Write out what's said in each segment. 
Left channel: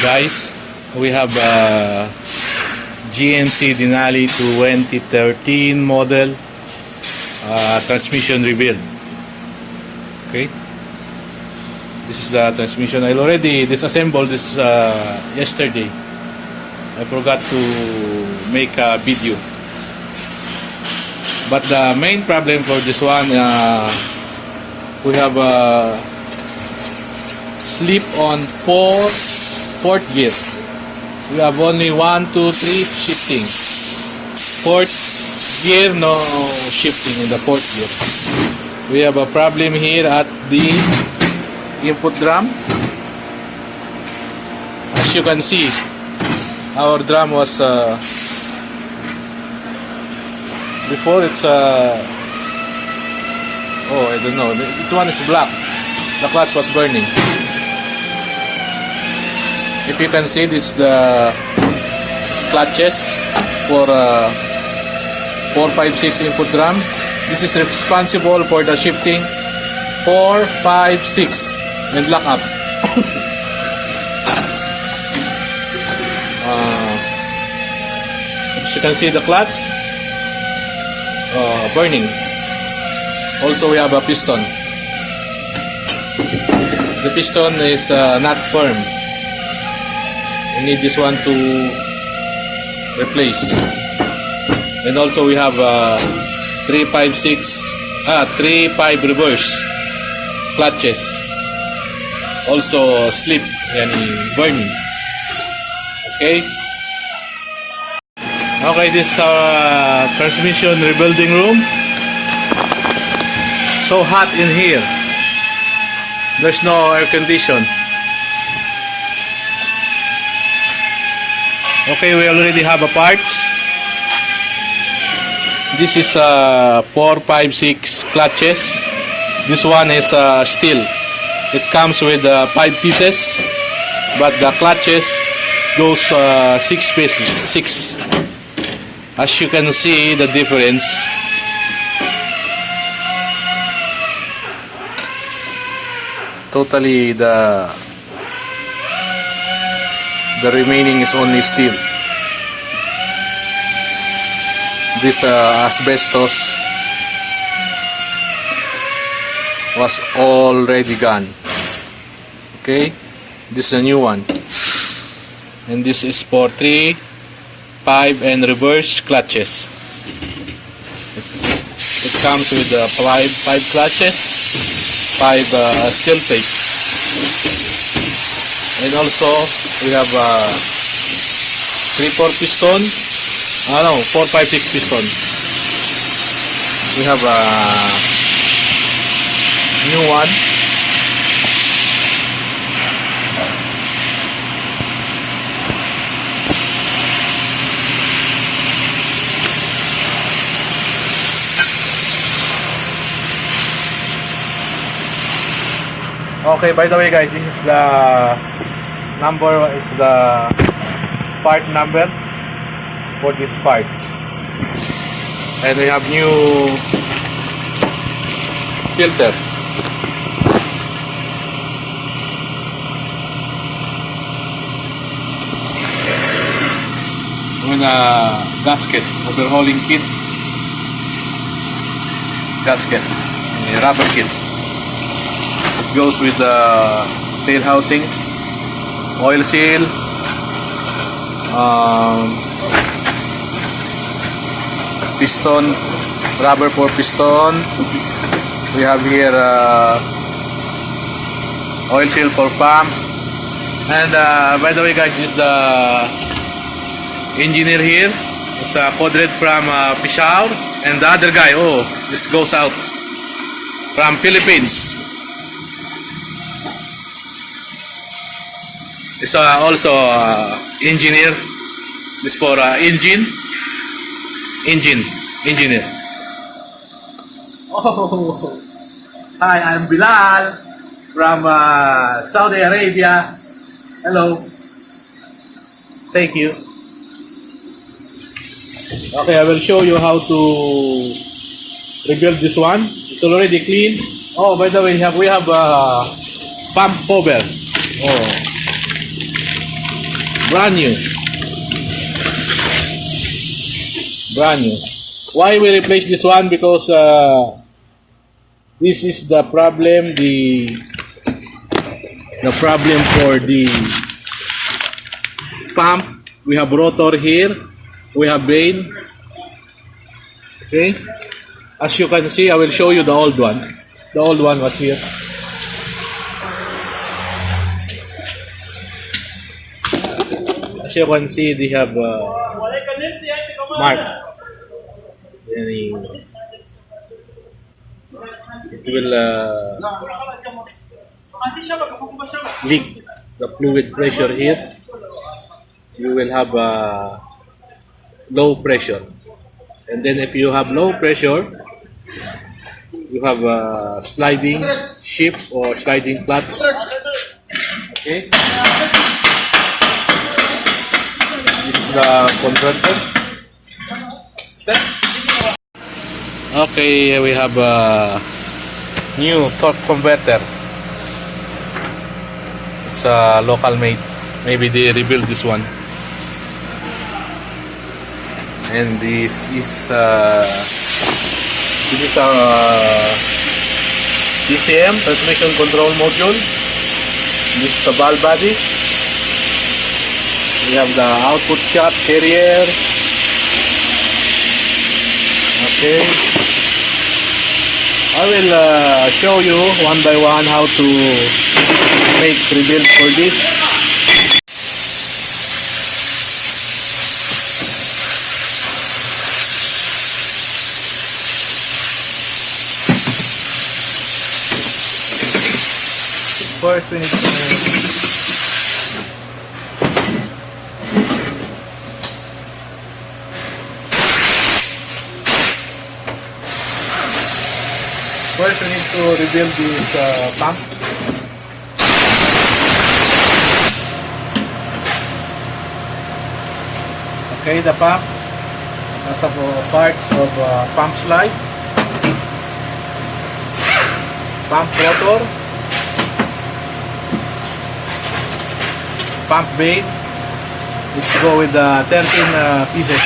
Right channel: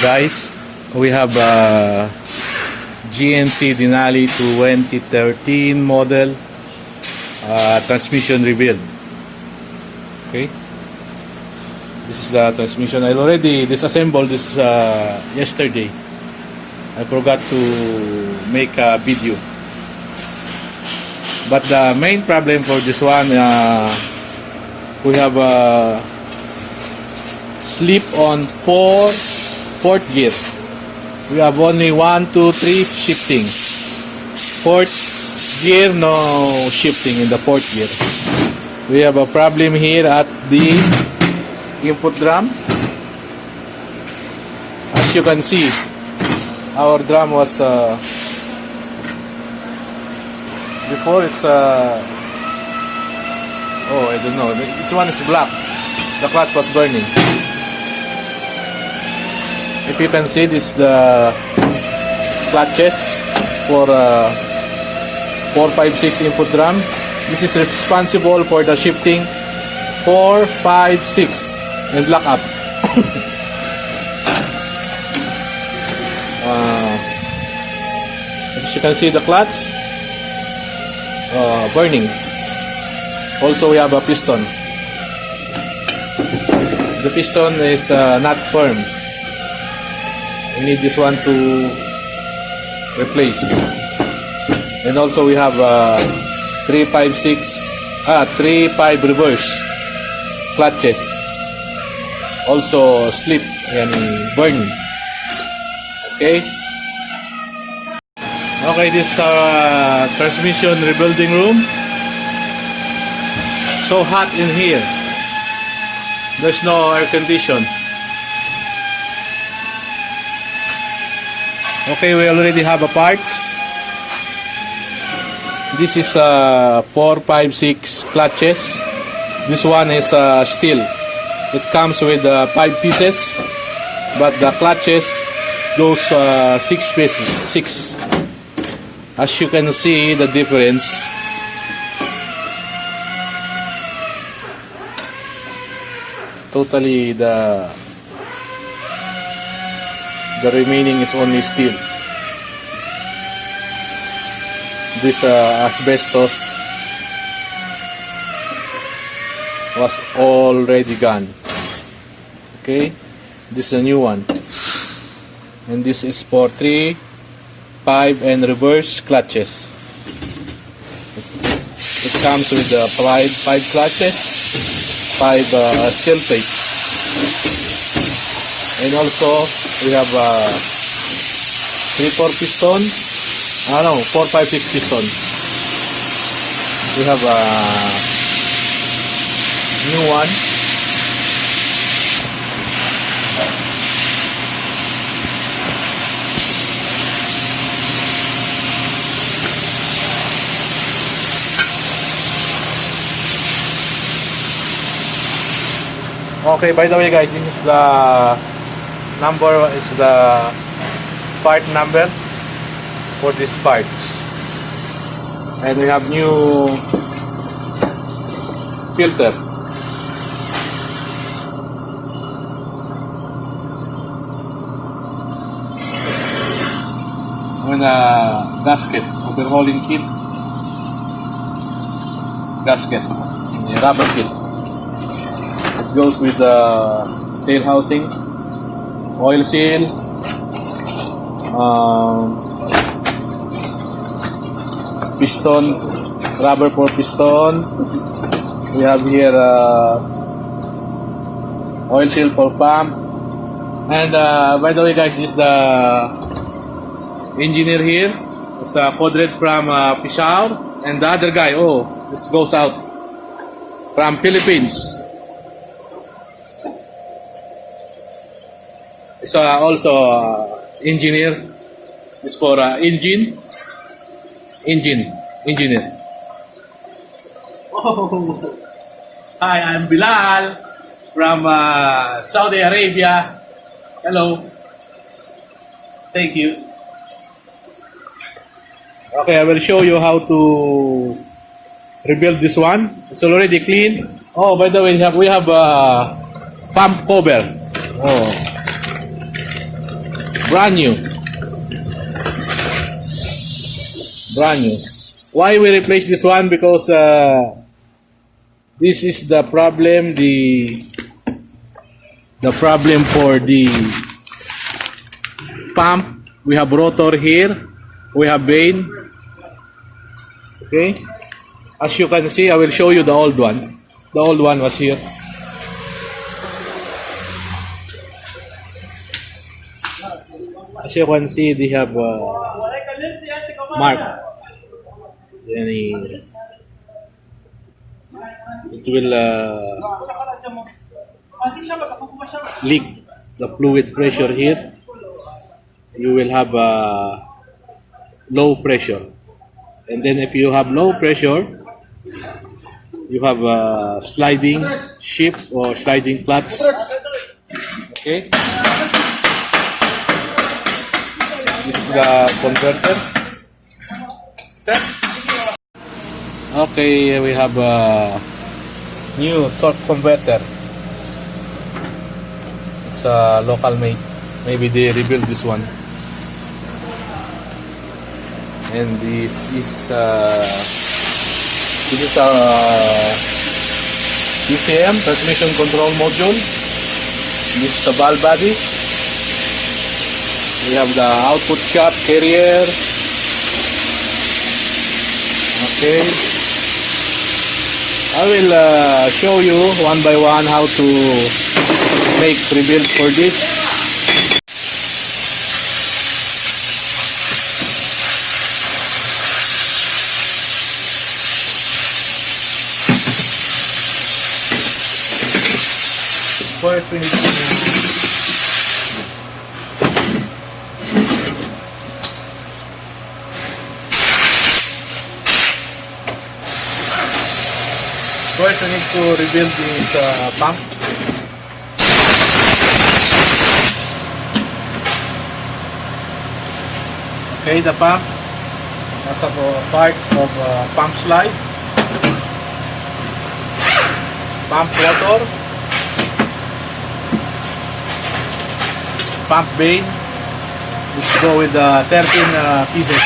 Guys, we have GMC Denali 2013 model transmission rebuild. Okay, this is the transmission. I already disassembled this yesterday. I forgot to make a video, but the main problem for this one, we have slip on fourth gear. We have only 1, 2, 3 shifting. Fourth gear, no shifting in the fourth gear. We have a problem here at the input drum. As you can see, our drum was before it's oh, I don't know, this one is black. The clutch was burning. If you can see, this is the clutches for 4, 5, 6 input drum. This is responsible for the shifting 4, 5, 6 and lock up. As you can see, the clutch burning. Also, we have a piston. The piston is not firm. We need this one to replace. And also we have 3, 5 reverse clutches. Also slip and burning. Okay. Okay, this is our transmission rebuilding room. So hot in here. There's no air condition. Okay, we already have a parts. This is 4, 5, 6 clutches. This one is steel. It comes with 5 pieces, but the clutches goes 6 pieces. 6. As you can see, the difference. Totally the remaining is only steel. This asbestos was already gone. Okay, this is a new one, and this is for 3, 5 and reverse clutches. It comes with 5 clutches, 5 steel plate. And also we have 3, 4 piston. 4, 5, 6 piston. We have a new one. Okay, by the way guys, this is the number, is the part number for this part. And we have new filter. With a gasket, overhauling kit. Gasket, a rubber kit. It goes with the tail housing, oil seal, piston, rubber for piston. We have here oil seal for pump. And by the way guys, this is the engineer here. It's a Kodred from Peshawar, and the other guy, this goes out from Philippines. It's also engineer. This for engineer. Oh, hi, I'm Bilal from Saudi Arabia. Hello. Thank you. Okay, I will show you how to rebuild this one. It's already clean. Oh, by the way, we have pump cover. Oh, Brand new. Brand new. Why we replace this one? Because this is the problem. The problem for the pump. We have rotor here. We have vane. Okay. As you can see, I will show you the old one. The old one was here. As you can see, they have mark. It will leak the fluid pressure here. You will have low pressure, and then if you have low pressure, you have a sliding shift or sliding clutch. Okay. This is the converter. Okay, we have a new torque converter. It's a local made. Maybe they rebuilt this one. And this is a TCM transmission control module. This is the valve body. We have the output shaft carrier. Okay. I will show you one by one how to make rebuild for this. First we need to rebuild this pump. Okay, the pump has parts of pump slide, pump rotor, pump vane. Let's go with 13 pieces.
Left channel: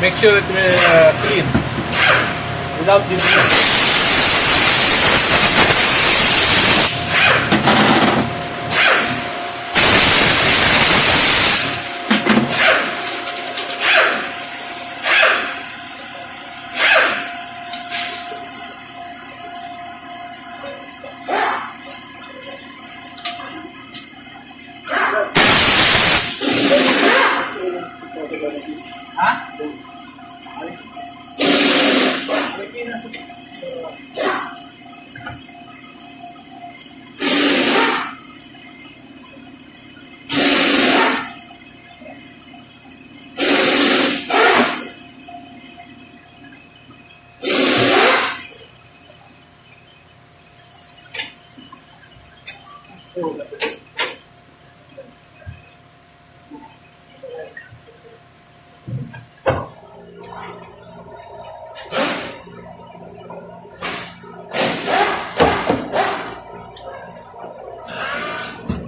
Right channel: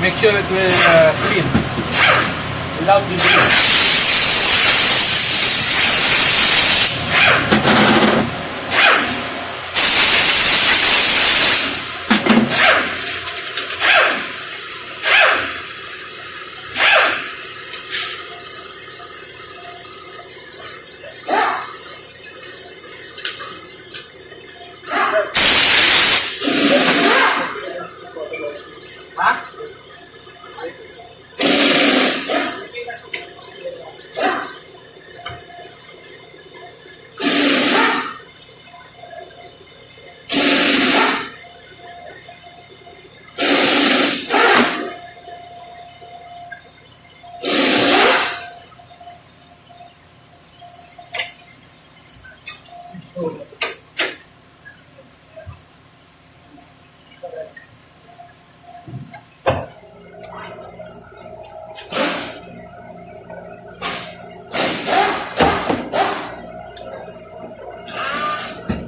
Make sure it will clean without disease.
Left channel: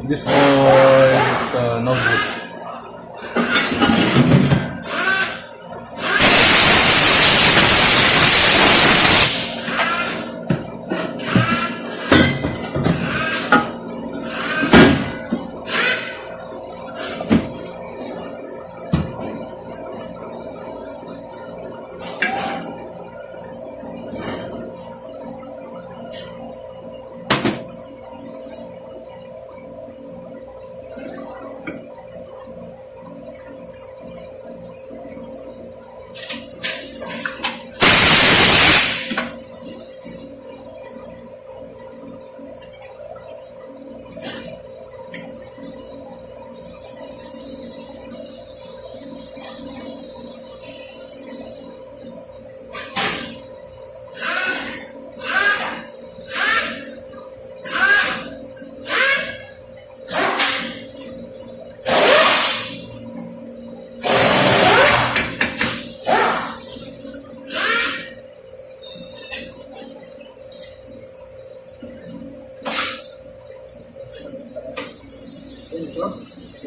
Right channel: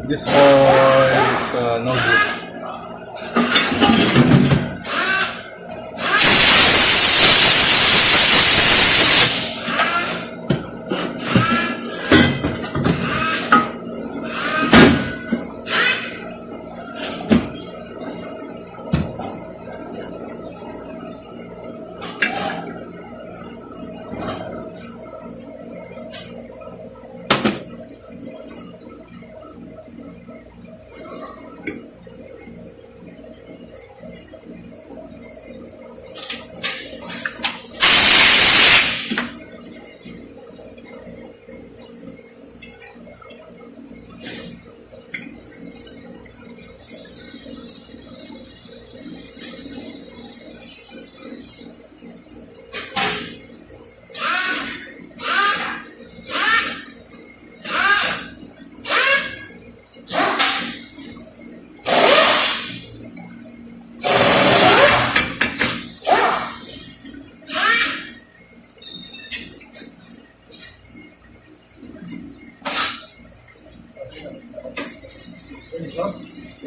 This oil is no good.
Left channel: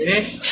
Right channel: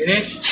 Finish?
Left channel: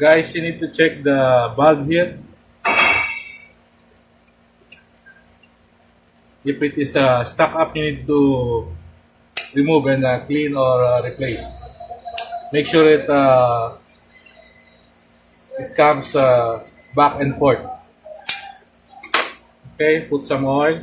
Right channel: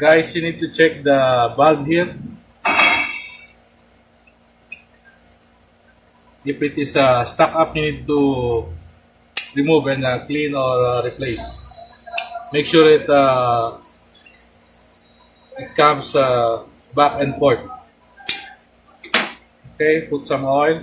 Guys, you need to check the valve here. If it is stuck up, you need to remove and clean or replace. Make sure it comes back and forth. Okay, put some oil.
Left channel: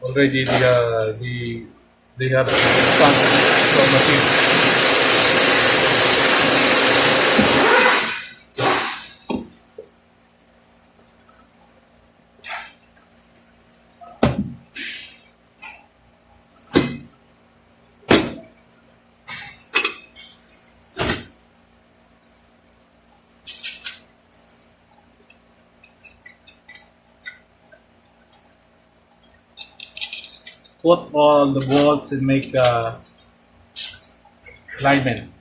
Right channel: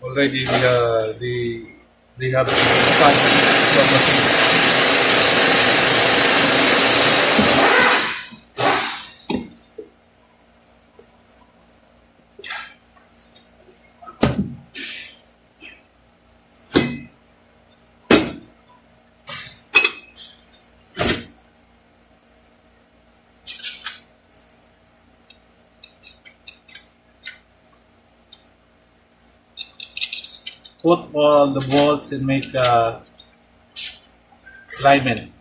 Already they have fun from machine. Put all the bolts and make alignment.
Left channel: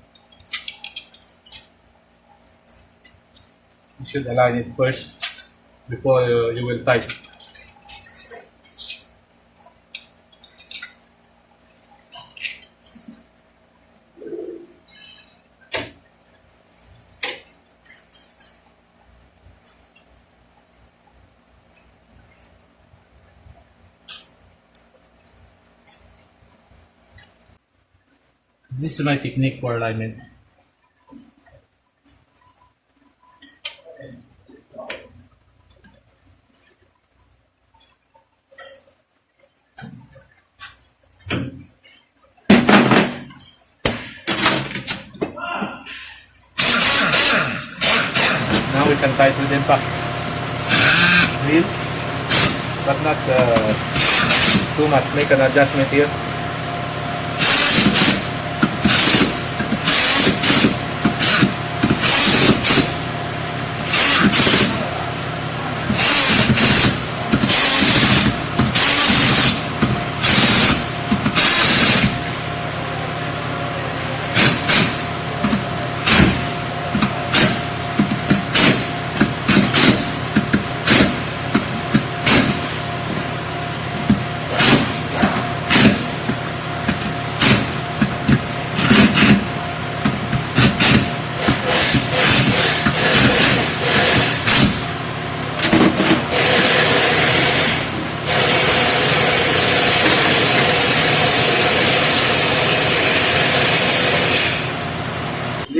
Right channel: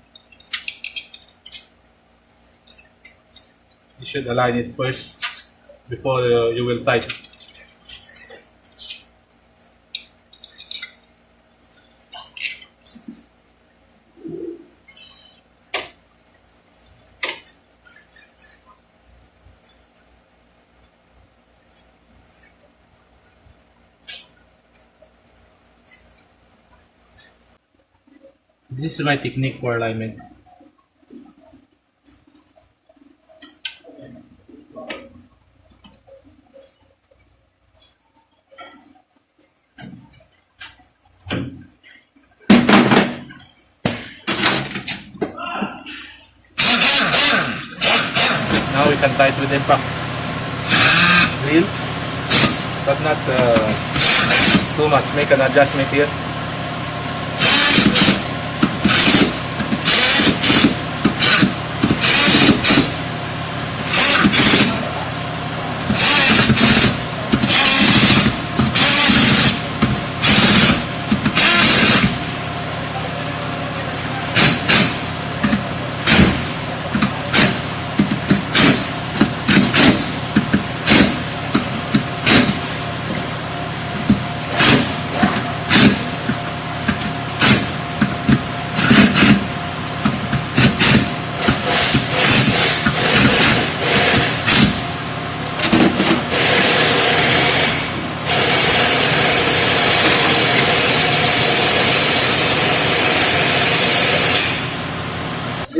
You should align it first before you will tighten. This is my technique for alignment. Now we can tighten with impact wheel, but not too much. Make an adjustment here.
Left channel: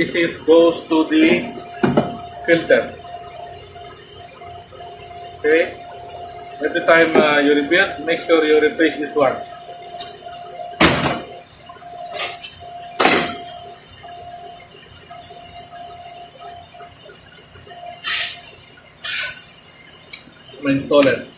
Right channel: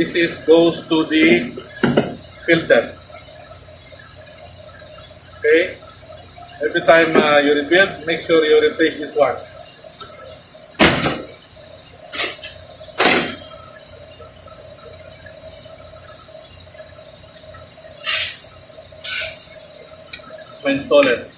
This is goes to the filter. Okay. Every time you rebuild, make sure you replace this one. It's my installer.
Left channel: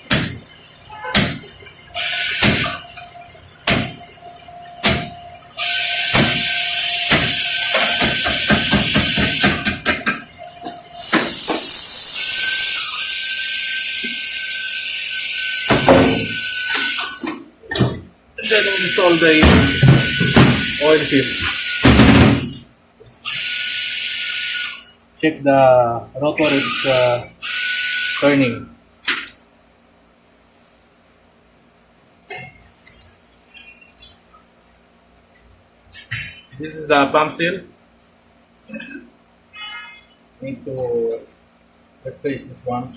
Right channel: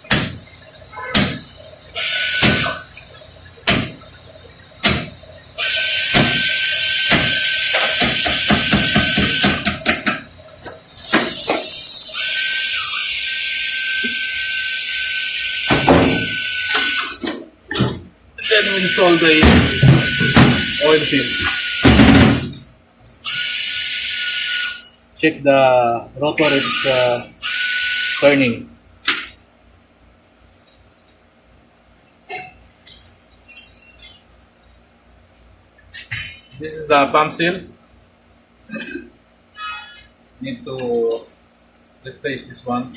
Then we install the oil seal. Check the rotor is turning. This is the pump seal. Need to replace this one.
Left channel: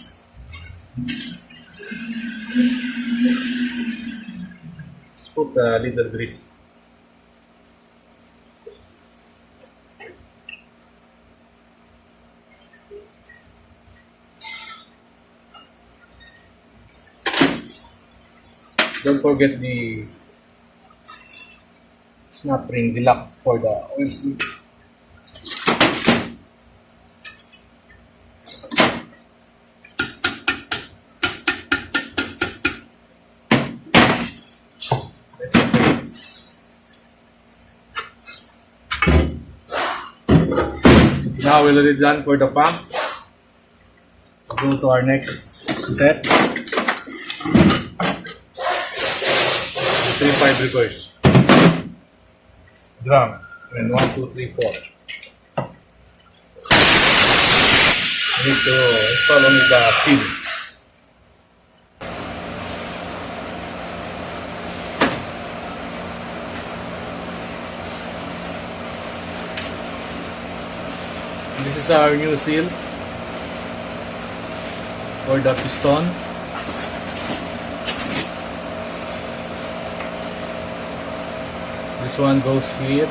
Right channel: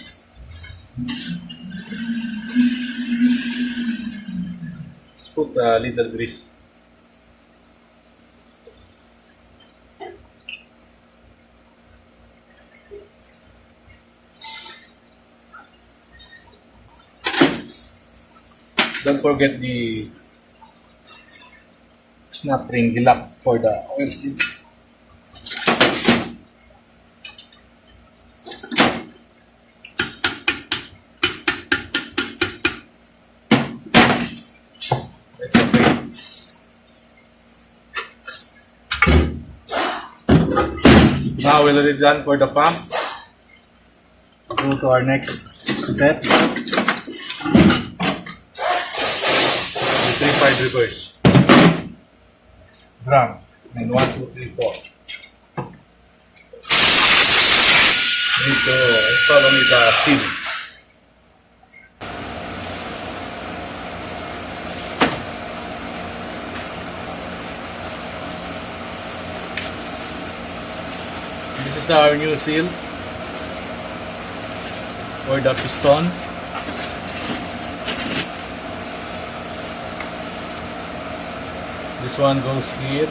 Put a little grease. Don't forget the snap ring, the lock for the oil seal. Now we're already done for the pump. Go to our next step. The 3-5 reverse. Drum. And 1, 2, 3, 4. Need to install only the seal. This is our new seal for the piston. This one goes here.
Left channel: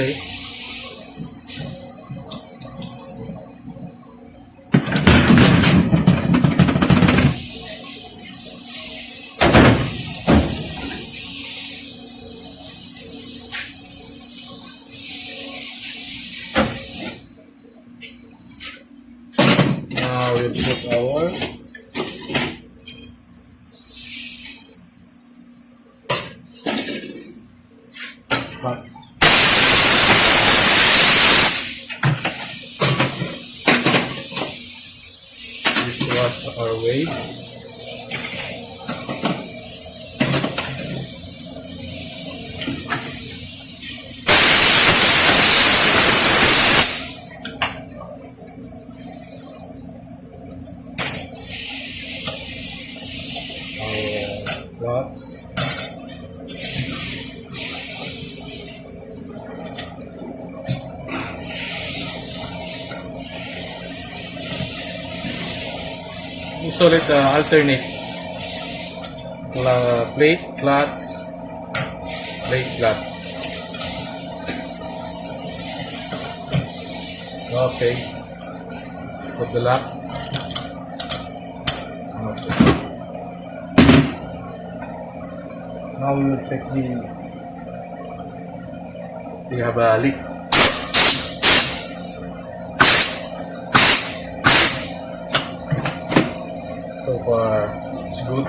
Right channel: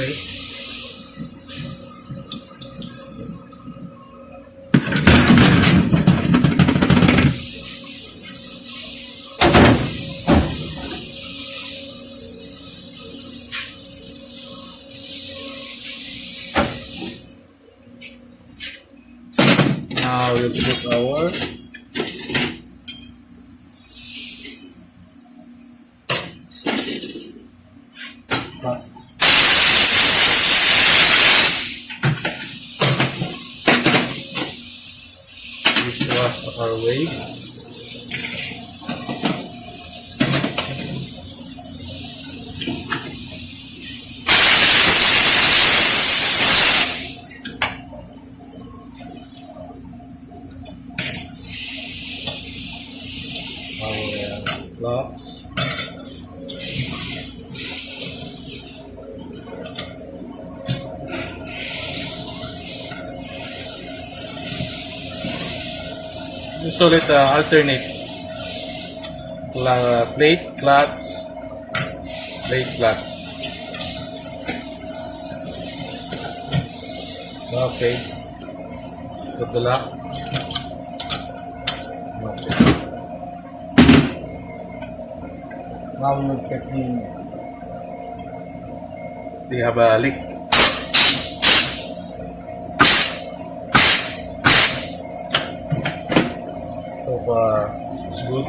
Okay. Now you will put our parts. This was our way. Our plots. So let's alternate plate, clutch, plate, clutch. Okay. Put the lock. Okay. Now we will check we have a leak. So far, it's good.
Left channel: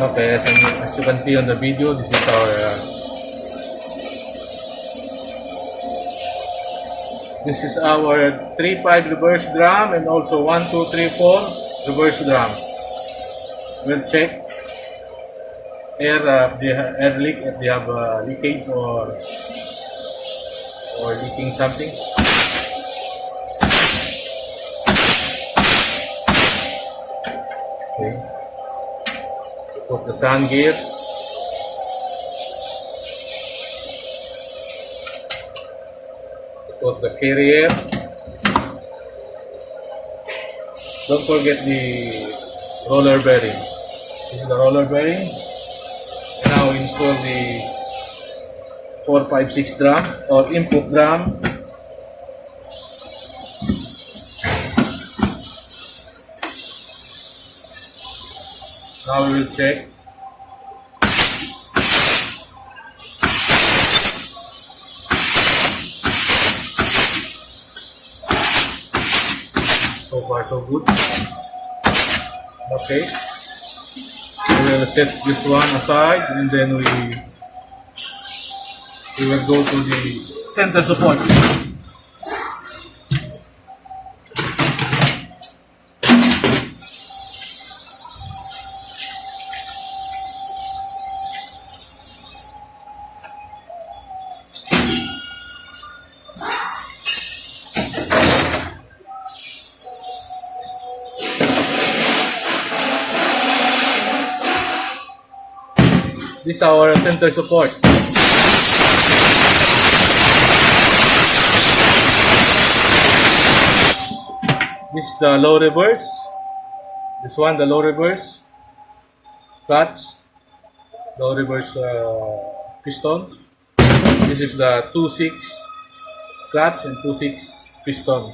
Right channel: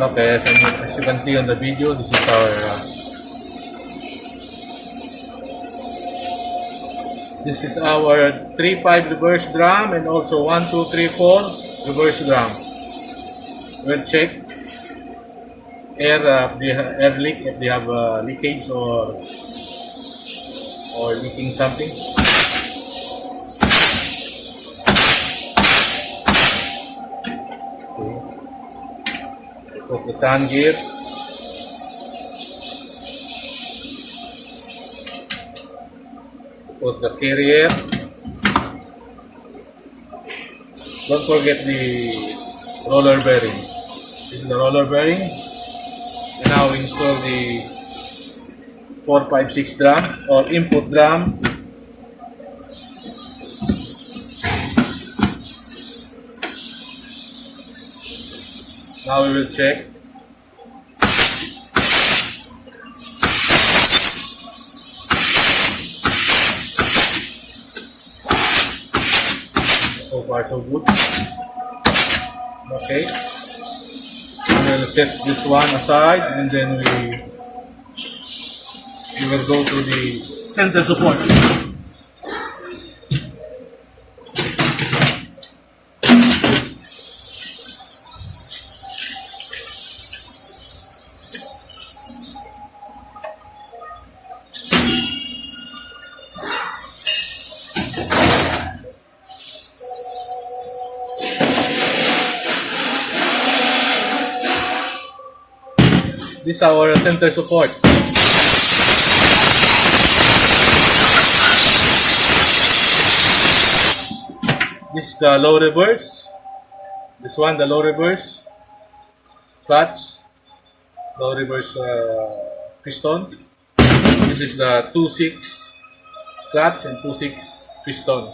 Okay, as you can see on the video, this is our this is our 3-5 reverse drum and also 1, 2, 3, 4 reverse drum. We'll check air leak if they have leakage or leaking something. Okay. Put the sun gear. Put the carrier. Don't forget the roller bearing. This is the roller bearing. And now install the 4, 5, 6 drum or input drum. Now we will check. So far so good. Okay. We will set this one aside and then we will go to the center support. This is our center support. This is the low reverse. This one, the low reverse clutch, low reverse piston. This is the 2/6 clutch and 2/6 piston.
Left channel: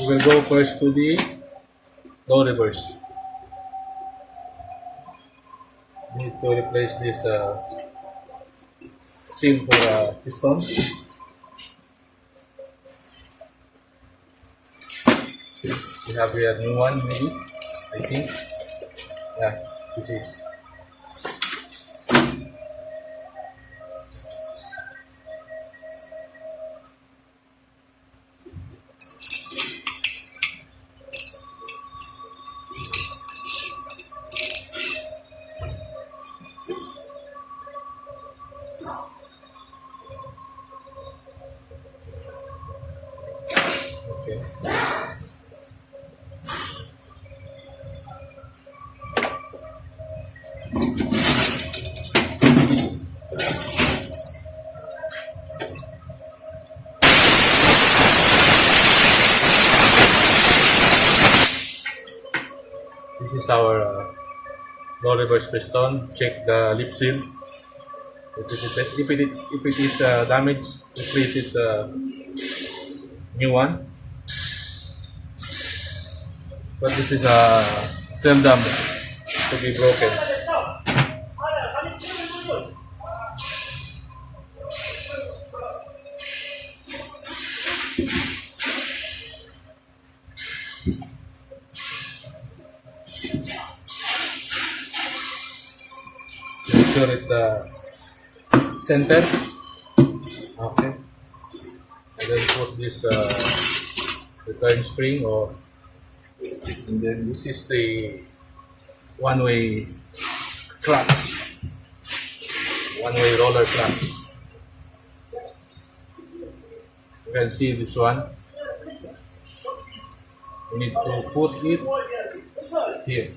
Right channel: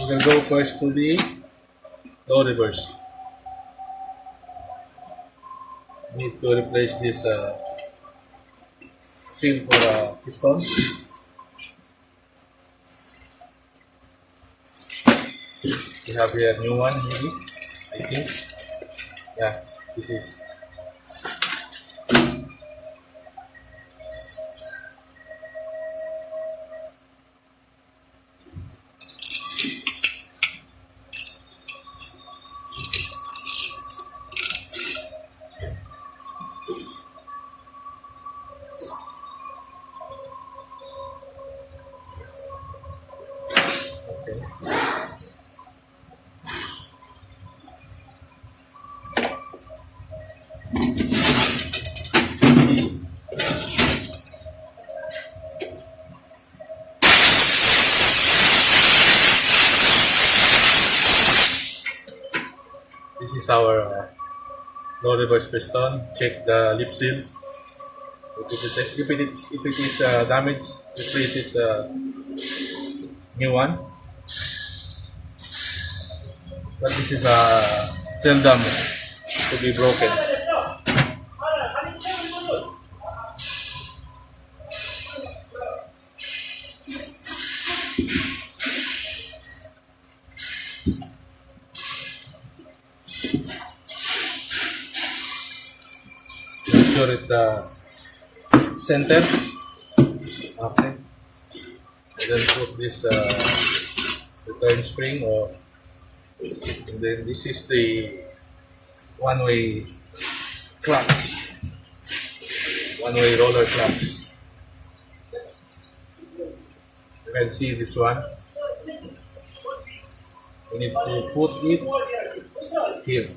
We will go first to the low reverse. Need to replace this seal for piston. We have here a new one, maybe, I think. Yeah, this is. Okay. This is our No reverse piston. Check the lip seal. If it is damaged, replace it new one. But this is seldom to be broken. Make sure it center. Okay. And then put this return spring, and then this is the one-way clutch, one-way roller clutch. You can see this one. We need to put it here.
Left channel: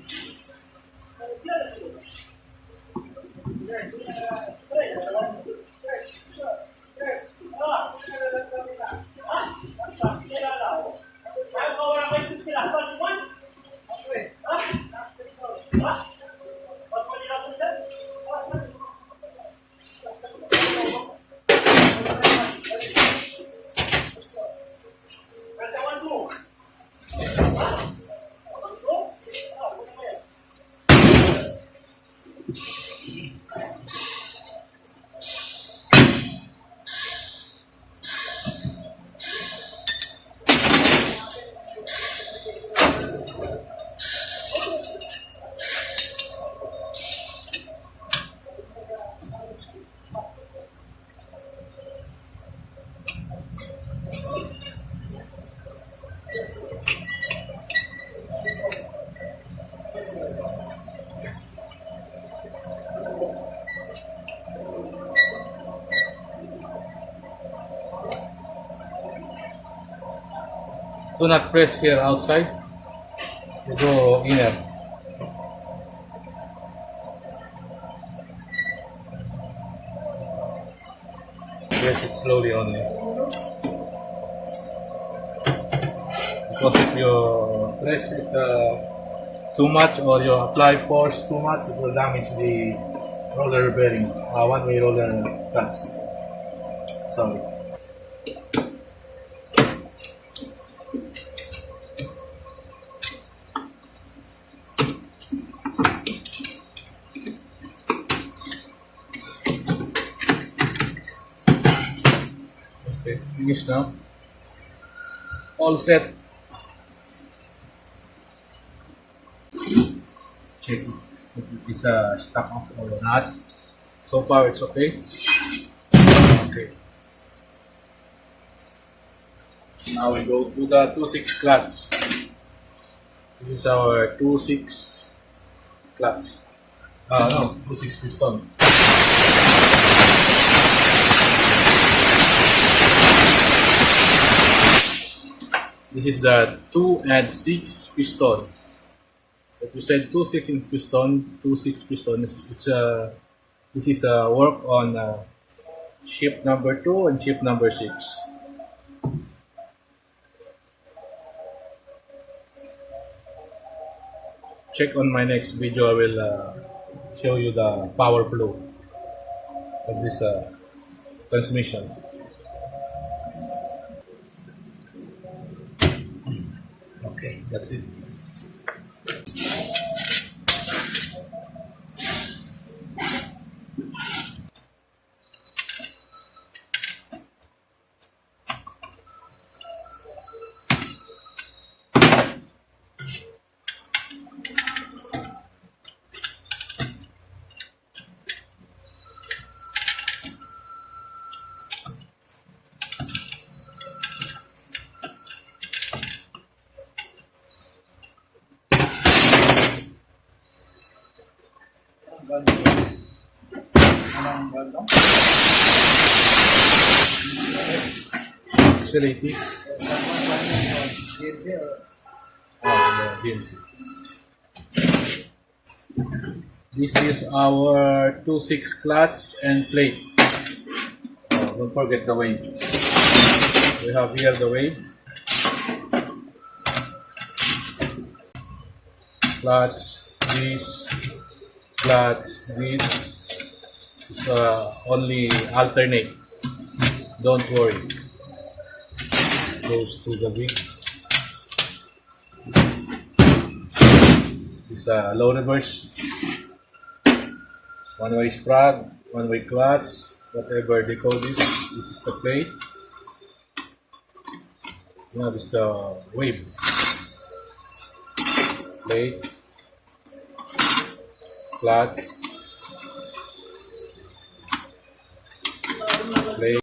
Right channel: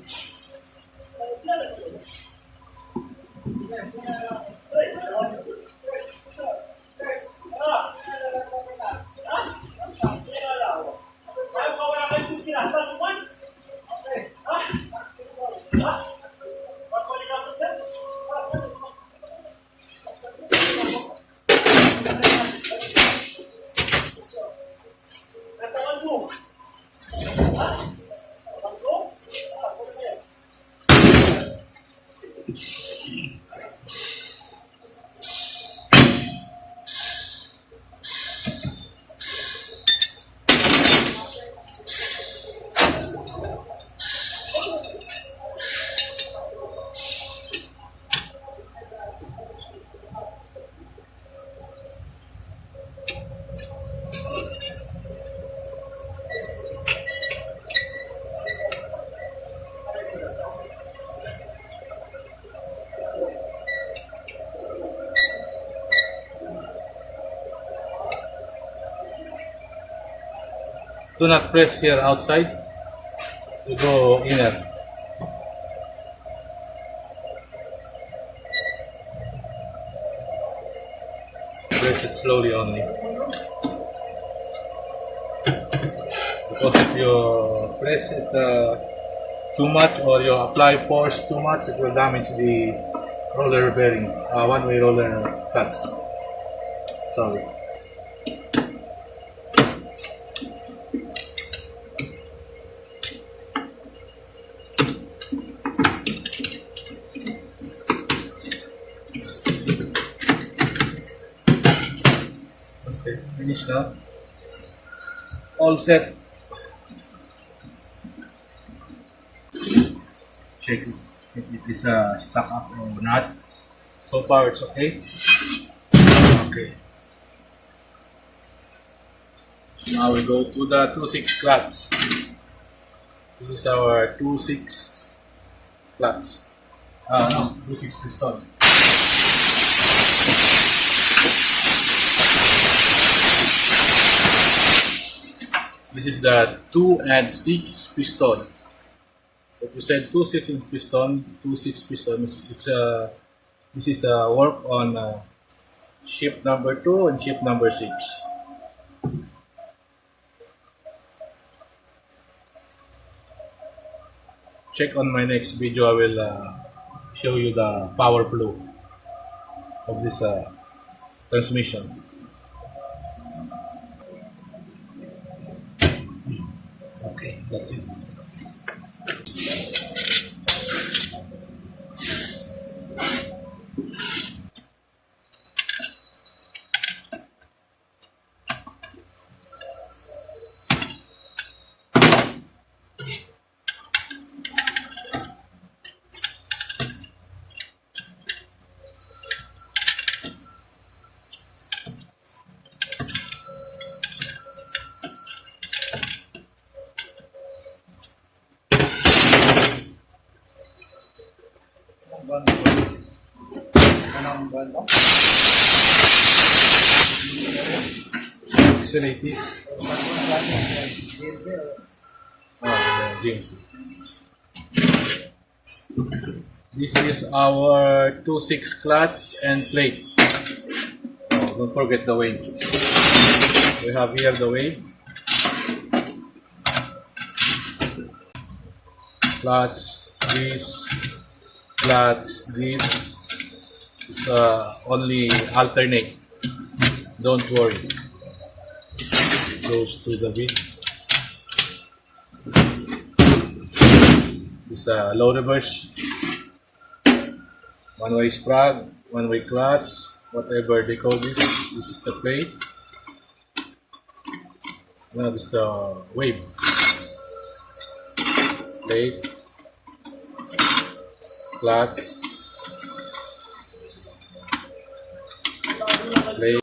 Do not press here outside. You go inner. Press it slowly only. Because if you press it too much, or you apply force too much, it will damage the roller bearing, one-way roller clutch. Sorry. Okay, finished now. All set. Check if it is stuck up or not. So far it's okay. Okay. Now we go to the 2.6 clutch. This is our 2.6 clutch. No, 2.6 piston. This is the 2 and 6 piston. If you said 2.6 inch piston, 2.6 piston, this is work on ship number 2 and ship number 6. Check on my next video. I will show you the power flow of this transmission. Okay, that's it. Accelerated. GMC. This is our 2.6 clutch and plate. Don't forget the wave. We have here the wave. Clutch, this, clutch. This is only alternate. Don't worry. Goes to the big. This low reverse. One-way sprung, one-way clutch, whatever they call this. This is the plate. Now this is the wave. Plate, clutch, plate.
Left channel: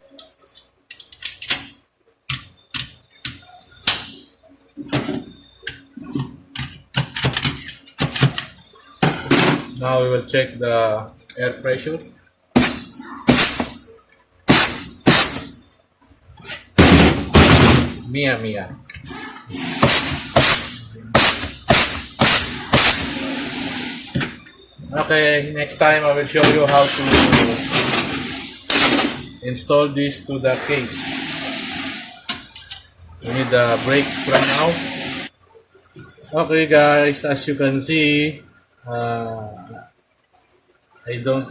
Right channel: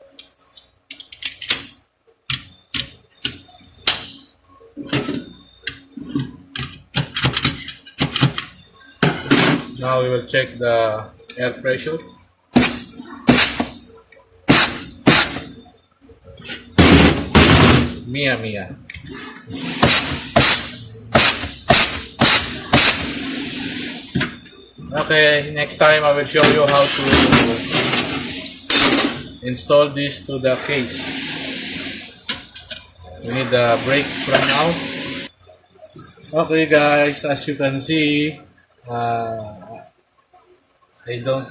Now we will check the air pressure. Mia. Okay, next time I will show you how to install this to the case. We need a brake from now. Okay guys, as you can see, I don't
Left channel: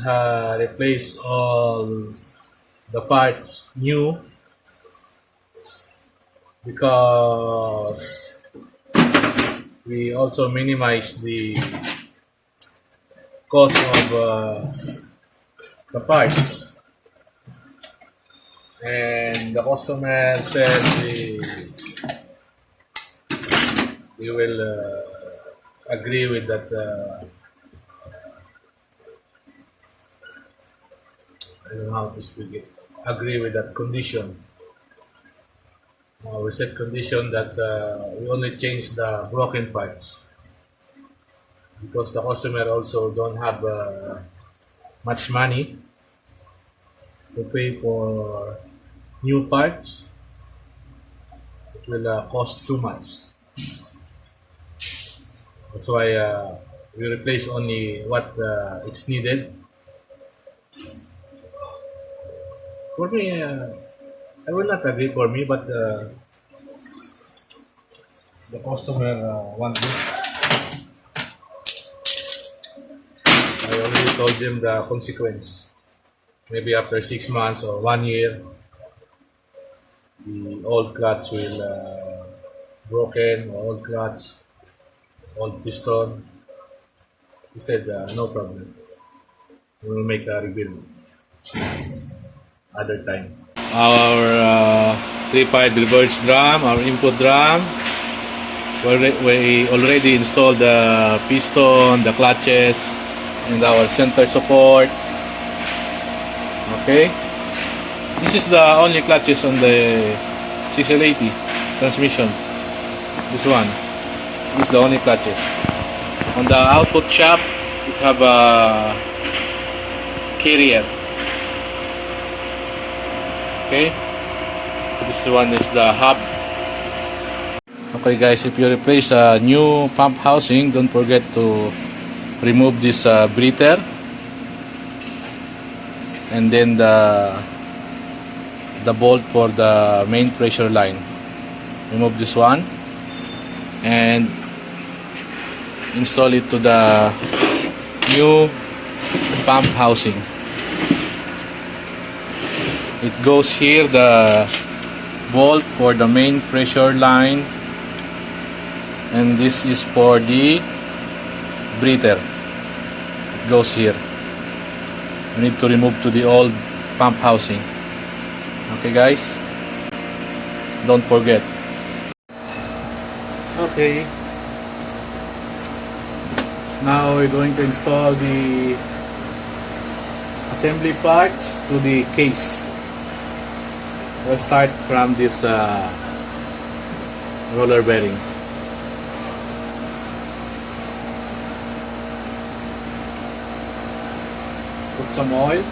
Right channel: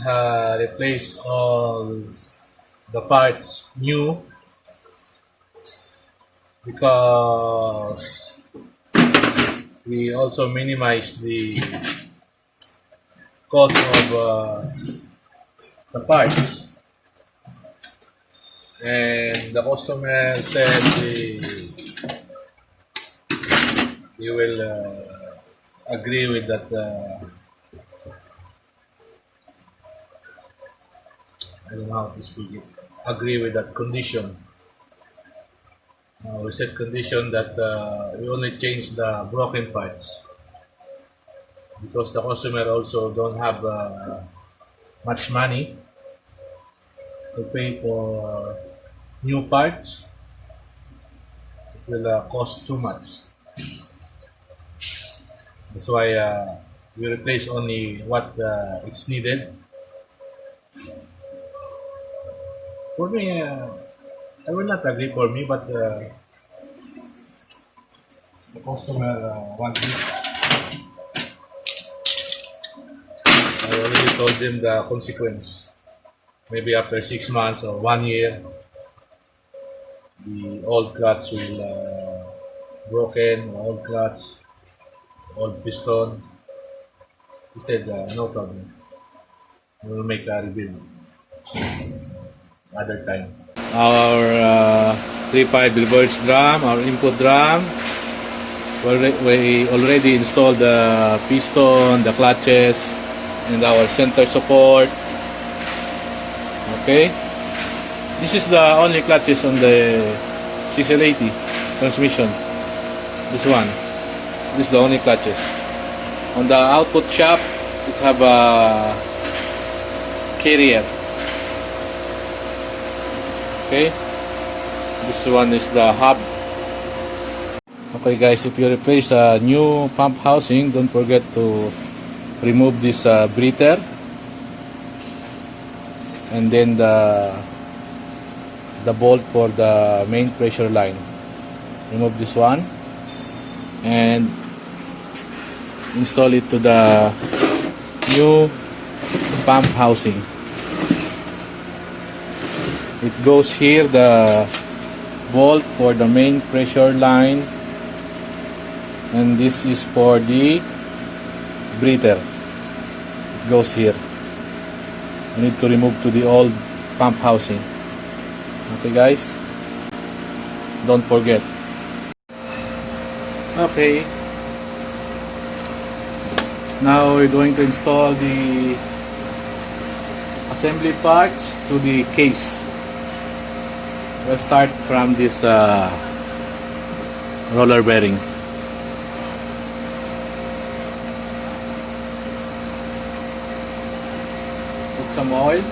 replace all the parts new because we also minimize the cost of the parts, and the customer said they will agree with that. I don't know how to speak it. Agree with that condition. We set condition that we only change the broken parts because the customer also don't have much money to pay for new parts. It will cost too much. That's why we replace only what it's needed. For me, I will not agree for me, but the customer wants this. I already told them the consequence. Maybe after 6 months or 1 year, the old clutch will broken, old clutch, old piston. He said no problem. We will make a rebuild other time. Our 3-pipe reverse drum, our input drum. We already installed the piston, the clutches, and our center support. Okay, this is the only clutches on the 680 transmission. This one, this is the only clutches. On the output shaft, it have a carrier. Okay, this one is the hub. Okay guys, if you replace a new pump housing, don't forget to remove this breather and then the bolt for the main pressure line. Remove this one and install it to the new pump housing. It goes here, the bolt for the main pressure line, and this is for the breather. It goes here. We need to remove to the old pump housing. Okay guys, don't forget. Okay, now we're going to install the assembly parts to the case. We'll start from this roller bearing. Put some oil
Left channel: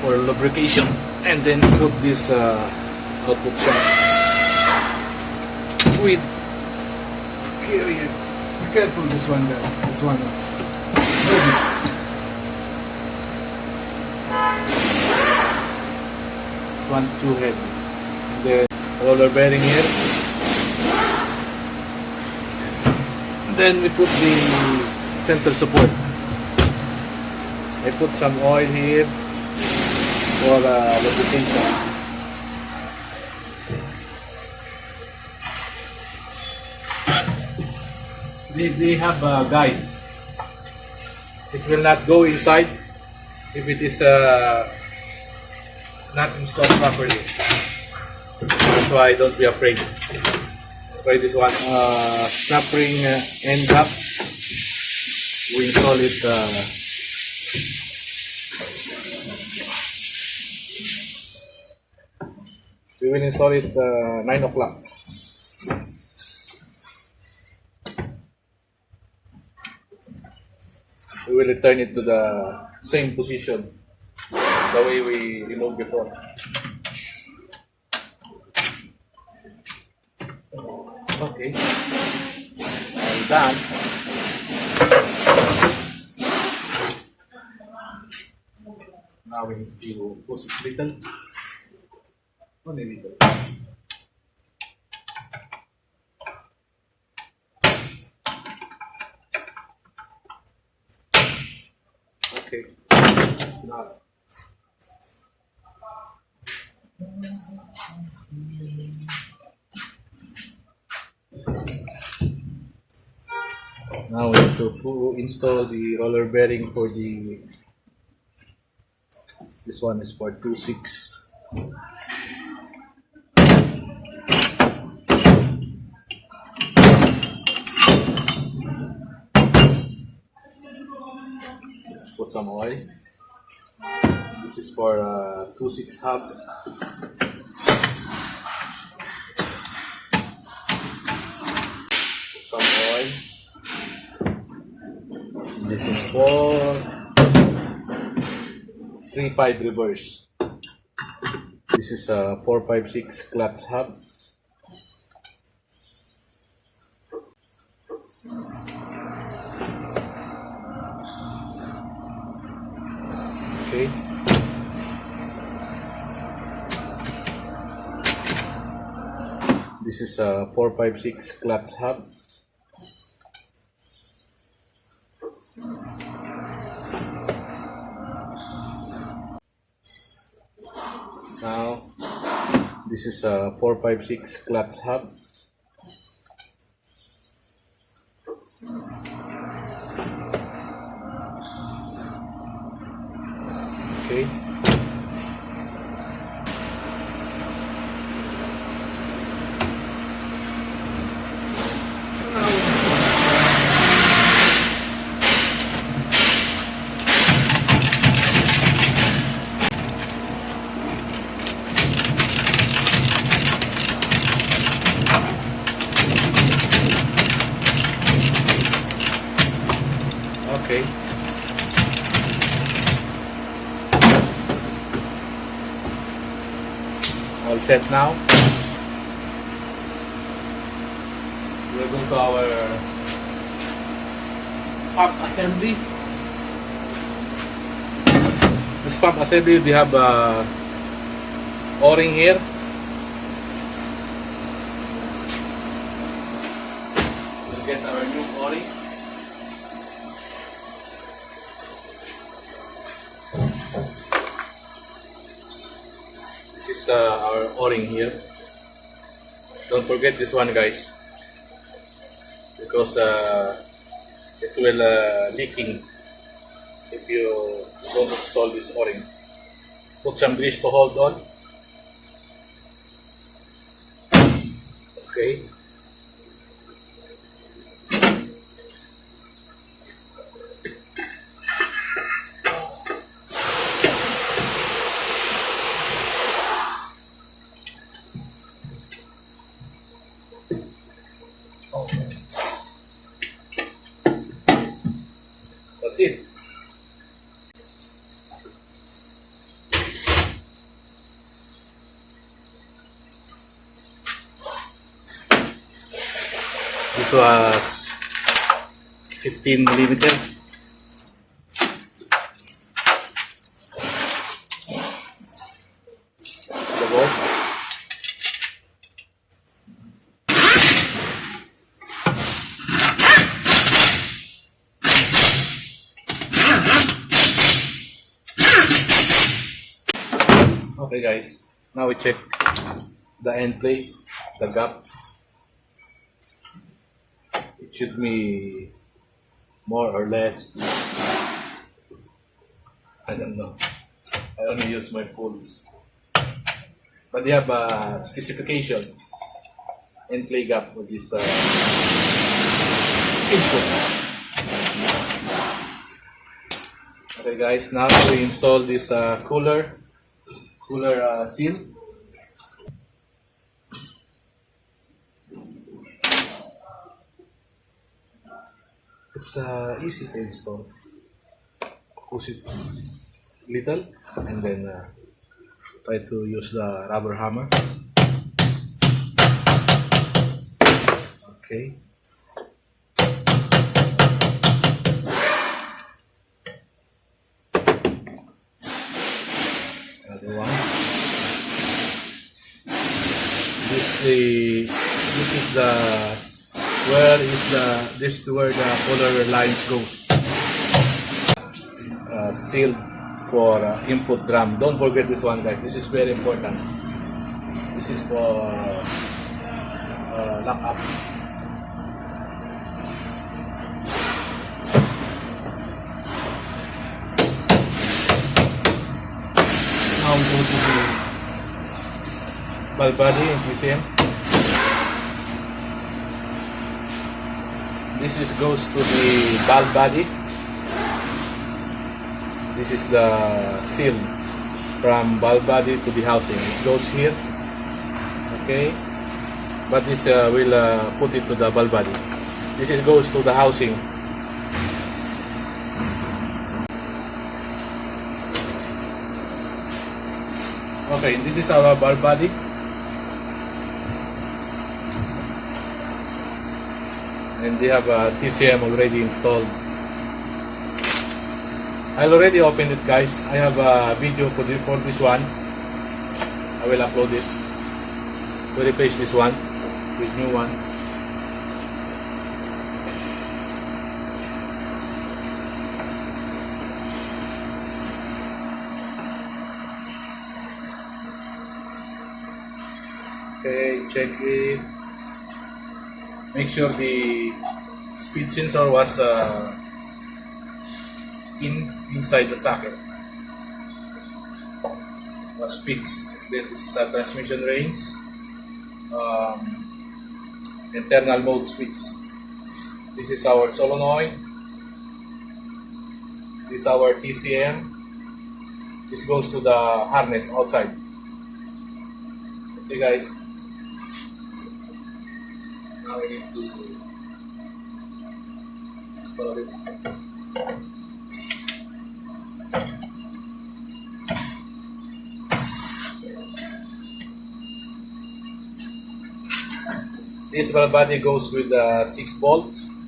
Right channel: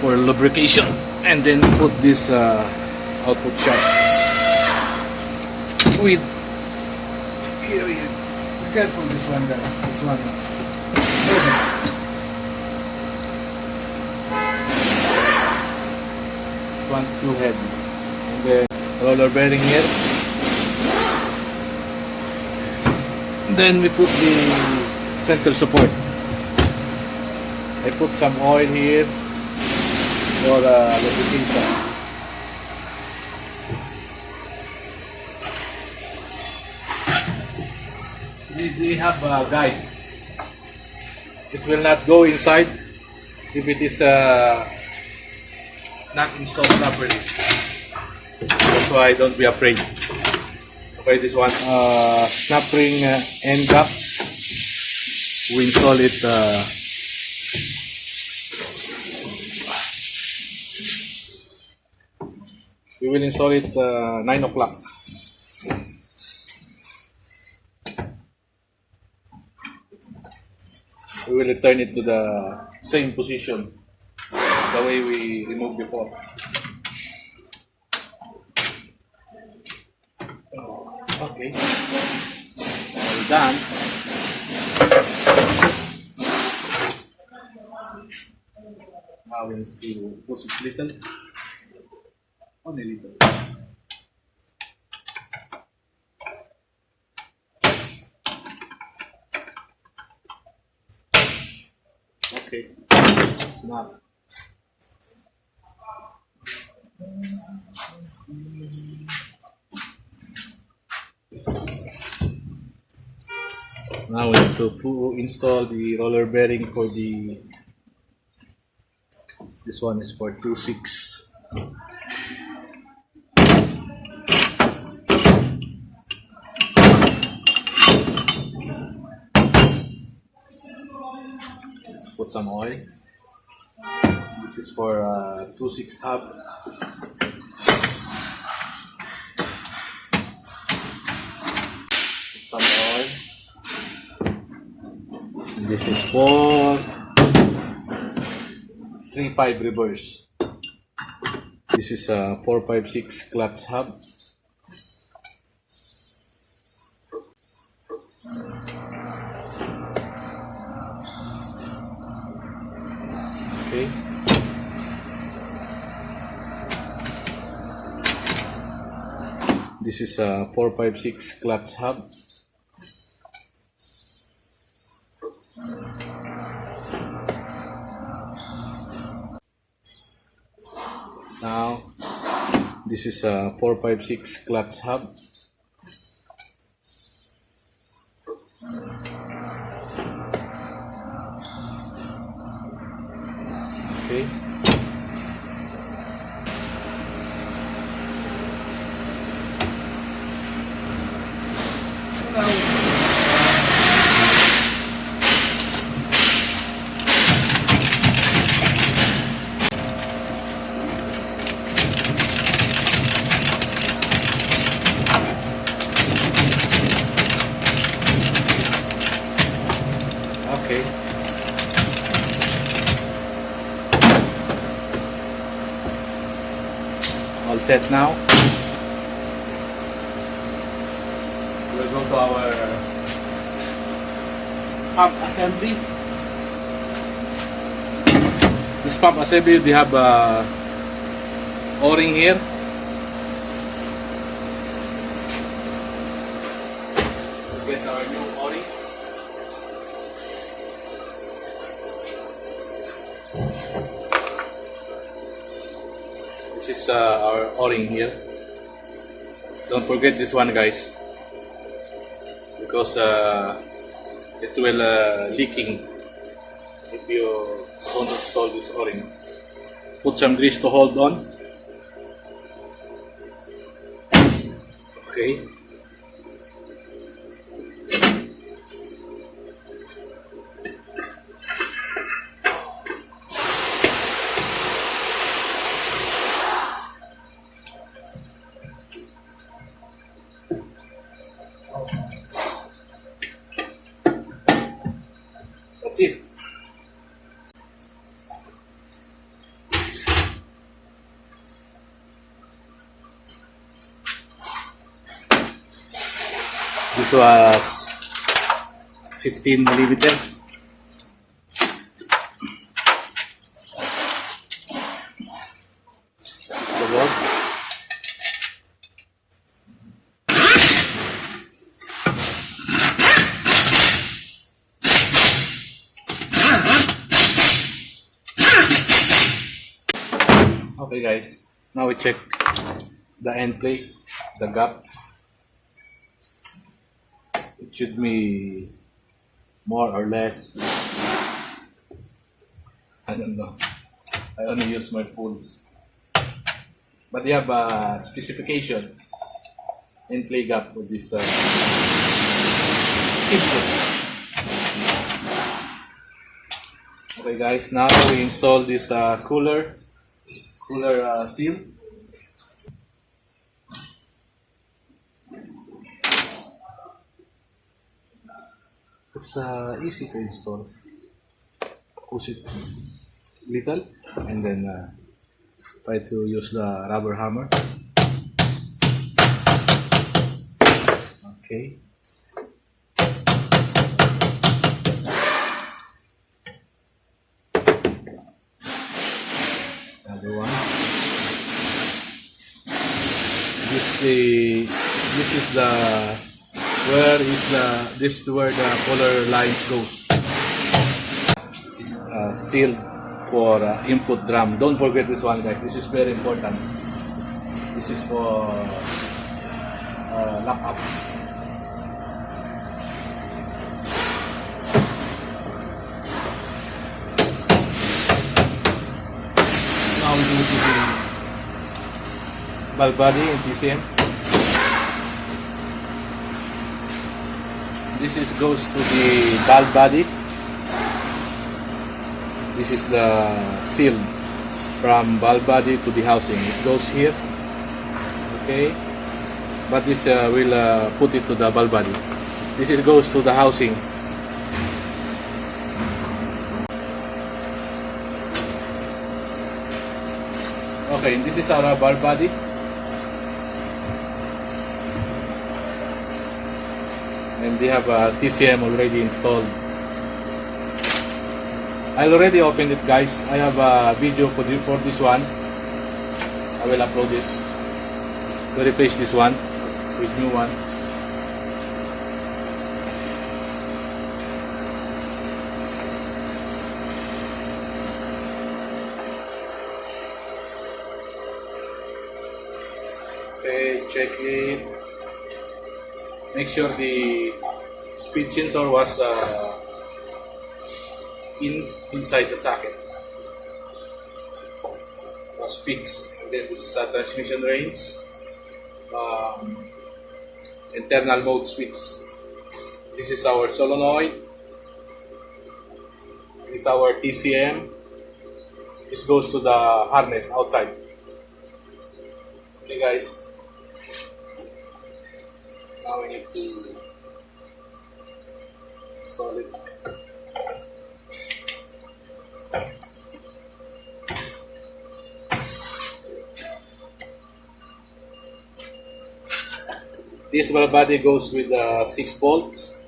for lubrication and then put this output shaft with period. Be careful this one guys, this one. One too heavy. And the roller bearing here. Then we put the center support. I put some oil here for lubrication. They have a guide. It will not go inside if it is not installed properly. That's why don't be afraid. Okay, this one snap ring end cap. We install it we will install it 9 o'clock. We will return it to the same position the way we removed before. Okay, all done. Now we need to push it little, only little. Okay, it's not. Now we have to install the roller bearing for the. This one is for 2.6. Put some oil. This is for 2.6 hub. Put some oil. This is for 3.5 reverse. This is a 4.56 clutch hub. Okay. This is a 4.56 clutch hub. Now, this is a 4.56 clutch hub. Okay. Okay. All set now. We'll go to our pump assembly. This pump assembly, they have a O-ring here. We'll get our new O-ring. This is our O-ring here. Don't forget this one, guys, because it will leaking if you don't install this O-ring. Put some grease to hold on. Okay. That's it. This was 15 millimeter. The bolt. Okay guys, now we check the end plate, the gap. It should be more or less, I don't know. I only use my pulse. But they have a specification and play gap with this input. Okay guys, now we install this cooler seal. It's easy to install. Push it little and then try to use the rubber hammer. Okay. Other one. This is where the color lines goes. Sealed for input drum. Don't forget this one, guys. This is very important. This is for lock up. Now we go to the valve body in TCM. This goes to the valve body. This is the seal from valve body to the housing. It goes here, okay. But this will put it to the valve body. This goes to the housing. Okay, this is our valve body. And they have a TCM already installed. I already opened it, guys. I have a video for this one. I will upload it to replace this one with new one. Okay, check it. Make sure the speed sensor was inside the socket, was fixed. And then this is a transmission range, internal mode switch. This is our solenoid. This is our TCM. This goes to the harness outside. Okay guys, now we need to install it. This valve body goes with 6 bolts.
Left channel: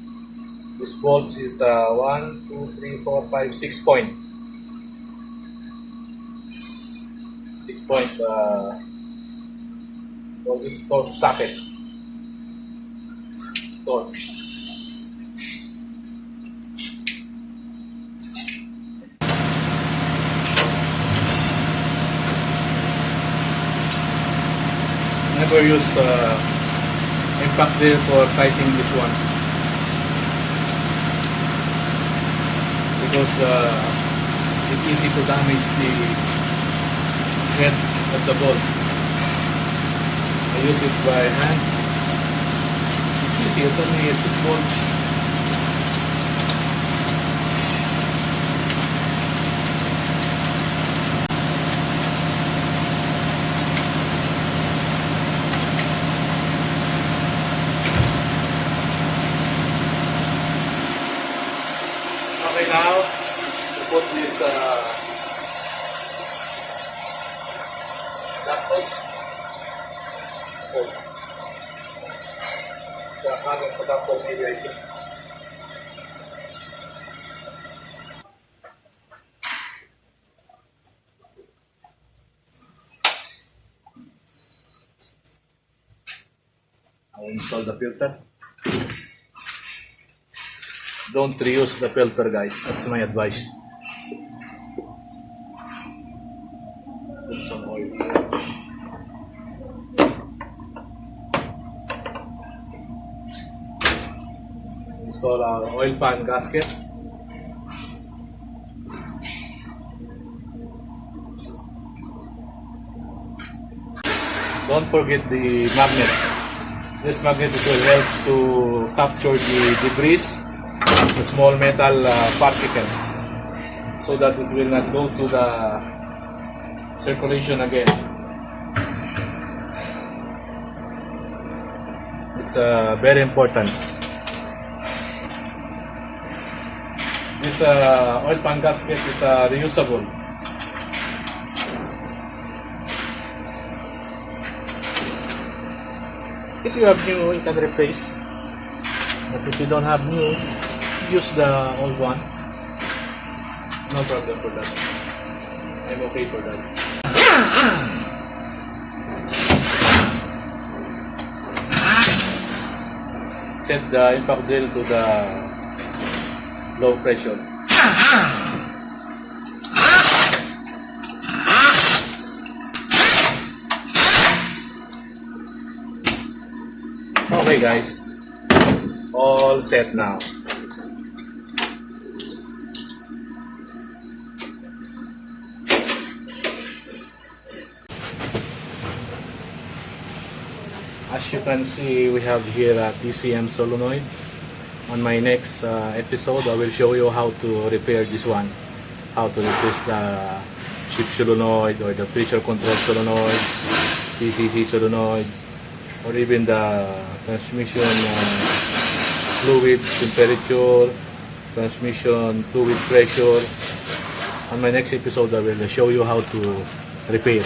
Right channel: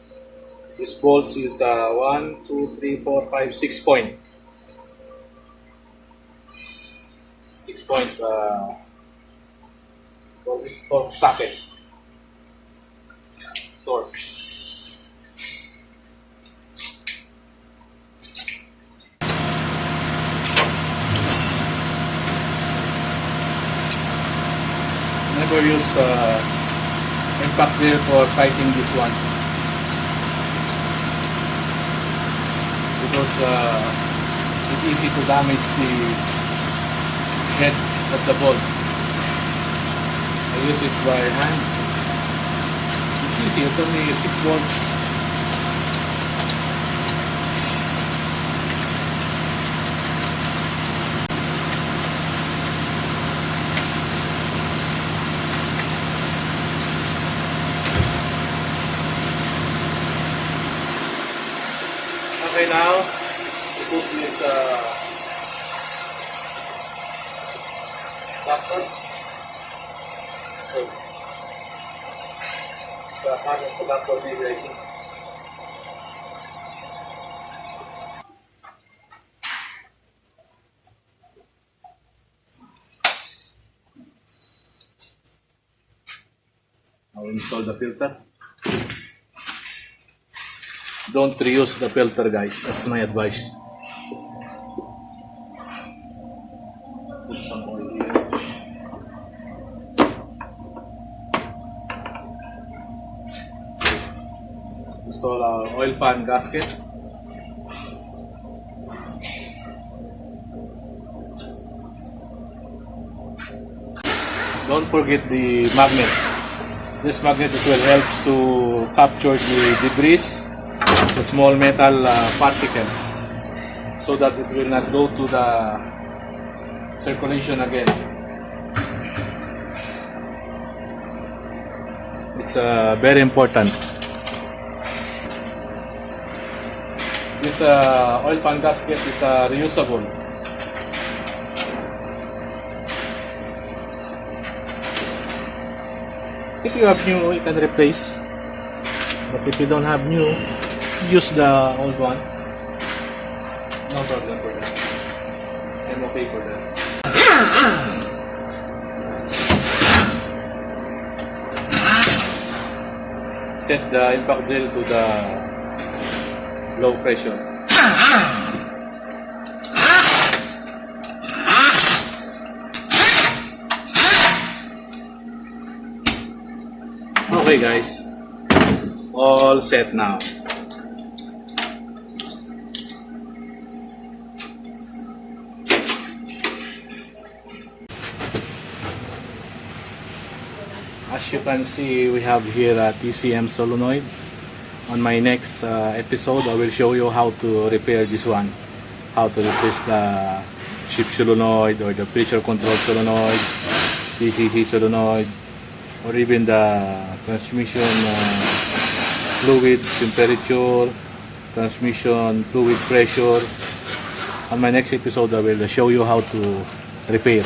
This bolt is 1, 2, 3, 4, 5, 6 point. 6 point for this torque socket. Torque. Never use impact there for tightening this one, because it's easy to damage the head of the bolt. I use it by hand. It's easy, it's only 6 volts. Okay, now to put this adapter. Sa harness adapter maybe I think. I will install the filter. Don't reuse the filter, guys. That's my advice. Put some oil here. Install our oil pan gasket. Don't forget the magnet. This magnet will help to capture the debris, the small metal particles, so that it will not go to the circulation again. It's very important. This oil pan gasket is reusable. If you have new, you can replace. But if you don't have new, use the old one. No problem for that. I'm okay for that. Set the impact drill to the low pressure. Okay guys, all set now. As you can see, we have here a TCM solenoid. On my next episode, I will show you how to repair this one. How to replace the shift solenoid or the pressure control solenoid, TCC solenoid, or even the transmission fluid temperature, transmission fluid pressure. On my next episode, I will show you how to repair.